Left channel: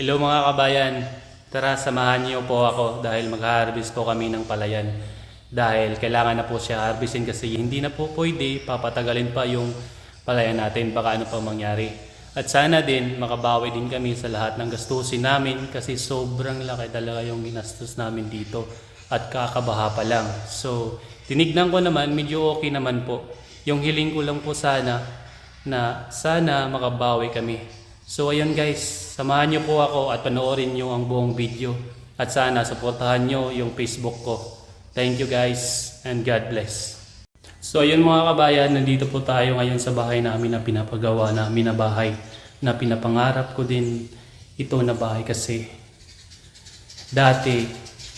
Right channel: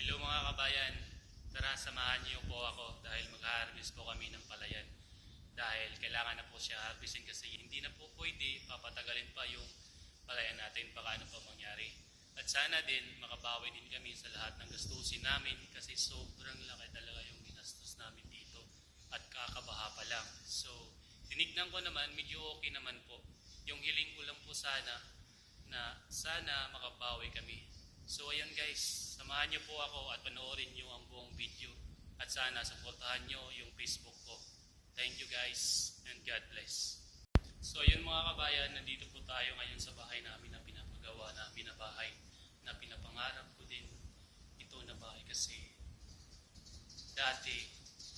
Hello mga kabayan, tara samahan niyo po ako dahil mag-harvest po kami ng palayan. Dahil kailangan na po siya harvestin kasi hindi na po pwede papatagalin pa yung palayan natin, baka ano pa mangyari. At sana din makabawi din kami sa lahat ng gastusin namin kasi sobrang laki talaga yung ginastos namin dito at kakabaha pa lang. So tinignan ko naman, medyo okay naman po. Yung hiling ko lang po sana na sana makabawi kami. So ayun guys, samahan nyo po ako at panoorin nyo ang buong video. At sana supportahan nyo yung Facebook ko. Thank you guys and God bless. So ayun mga kabayan, nandito po tayo ngayon sa bahay namin na pinapagawa namin na bahay. Na pinapangarap ko din ito na bahay kasi dati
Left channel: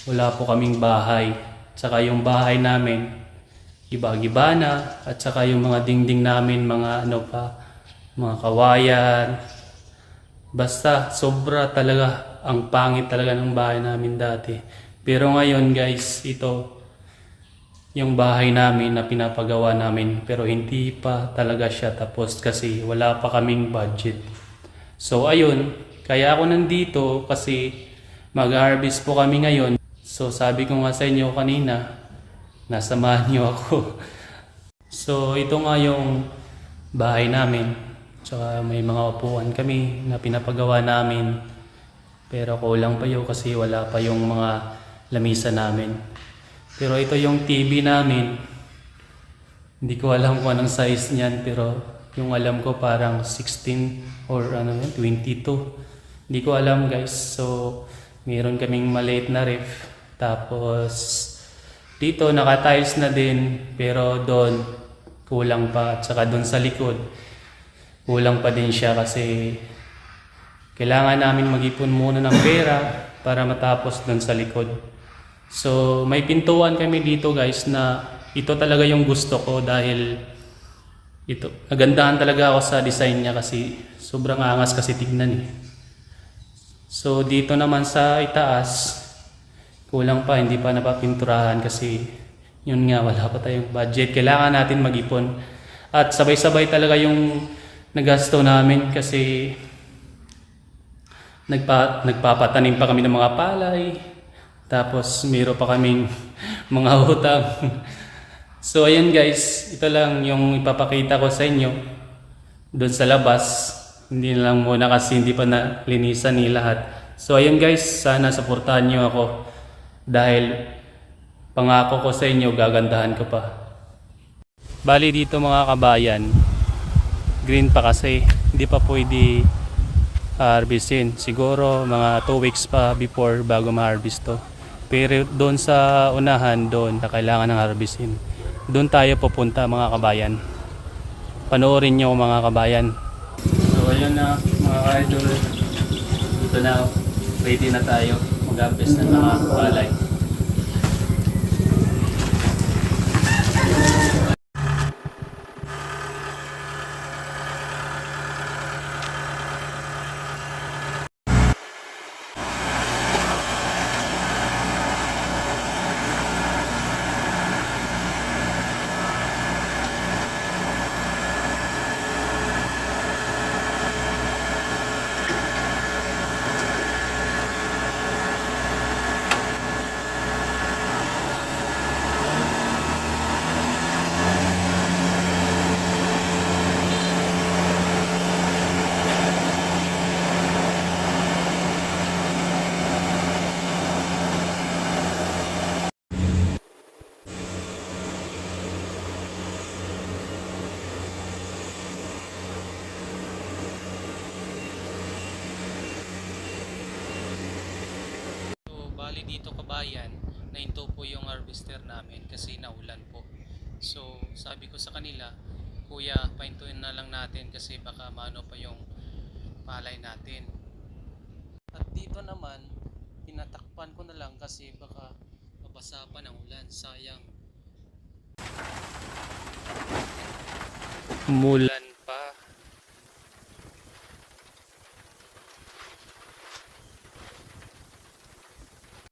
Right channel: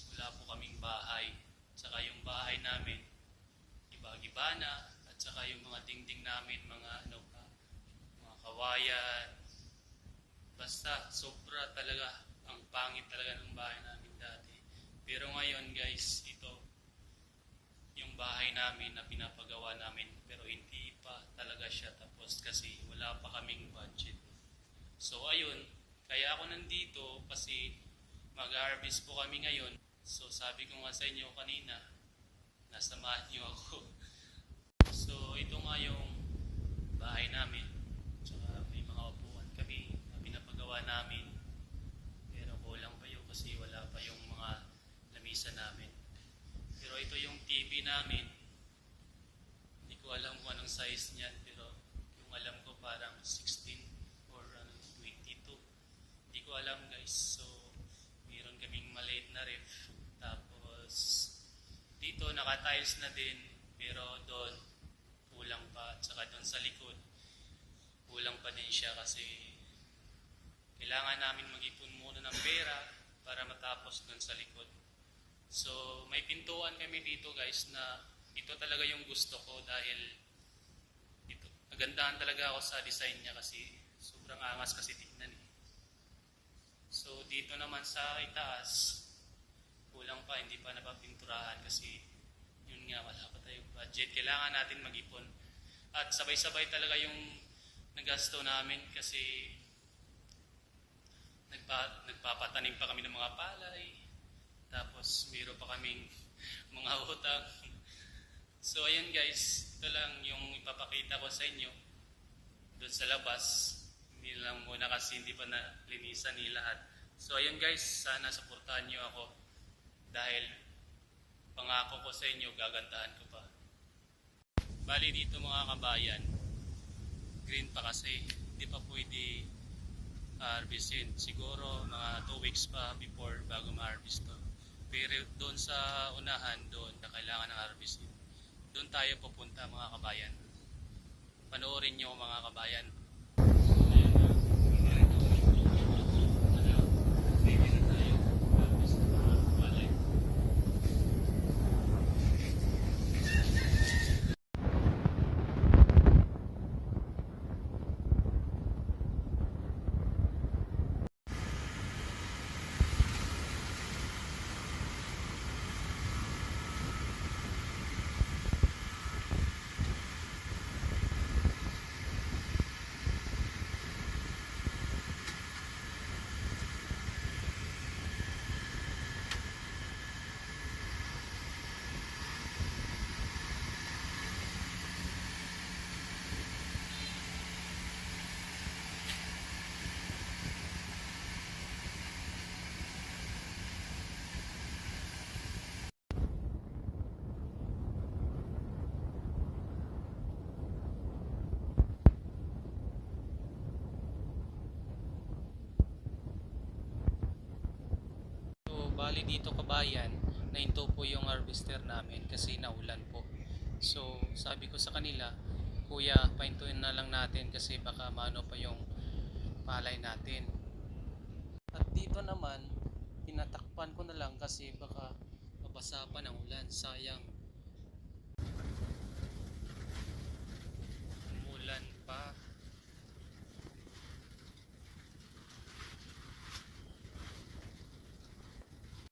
wala po kaming bahay. Tsaka yung bahay namin, iba-iba na. At saka yung mga dingding namin, mga ano pa, mga kawayan. Basta sobra talaga, ang pangit talaga ng bahay namin dati. Pero ngayon guys, ito yung bahay namin na pinapagawa namin. Pero hindi pa talaga siya tapos kasi wala pa kaming budget. So ayun, kaya ako nandito kasi mag-harvest po kami ngayon. So sabi ko nga sa inyo kanina, nasamahan niyo ako. So ito nga yung bahay namin. Tsaka may mga upuan kami na pinapagawa namin. Pero kulang pa yun kasi wala pa yung mga lamisa namin. Pero ito yung TV namin. Hindi ko alam kung anong size niyan pero yung alam ko parang 16 or ano yun, 22. Hindi ko alam guys. So mayroon kaming maliit na ref. Tapos dito naka-tiles na din pero doon kulang pa. At saka doon sa likod kulang pa din siya kasi kailangan namin mag-ipon muna ng pera para matapos doon sa likod. So may pintuan kami dito guys na ito talaga yung gusto ko dahil ito, nagandahan talaga ako sa design niya kasi sobrang angas kasi tignan eh. So dito naman sa itaas, kulang pa, hindi pa napapinturahan kasi yun nga, wala pa tayong budget. Kailangan natin mag-ipon. At sabay-sabay talaga yung nagasto namin kasi nagpapatanim pa kami ng mga palay. Tapos mayroon pa kaming mga utang. So ayun guys, ito lang yung ipapakita ko sa inyo doon sa labas. Hindi na lang muna kasi hindi pa nalinisan ni lahat. So ayun guys, sana suportahan nyo ako dahil pangako ko sa inyo gagandahan ko pa. Bali dito mga kabayan, green pa kasi hindi pa pwede harvestin. Siguro mga 2 weeks pa before bago ma-harvest to. Pero doon sa unahan doon na kailangan ng harvestin. Doon tayo pupunta mga kabayan. Panoorin nyo mga kabayan. So ayun na mga idol. Ito na, ready na tayo mag-harvest ng mga palay. Bali dito kabayan, nahinto po yung harvester namin kasi naulan po. So sabi ko sa kanila, kuya pahintuin na lang natin kasi baka maano pa yung palay natin. At dito naman, tinatakpan ko na lang kasi baka mabasa pa ng ulan, sayang. Umulan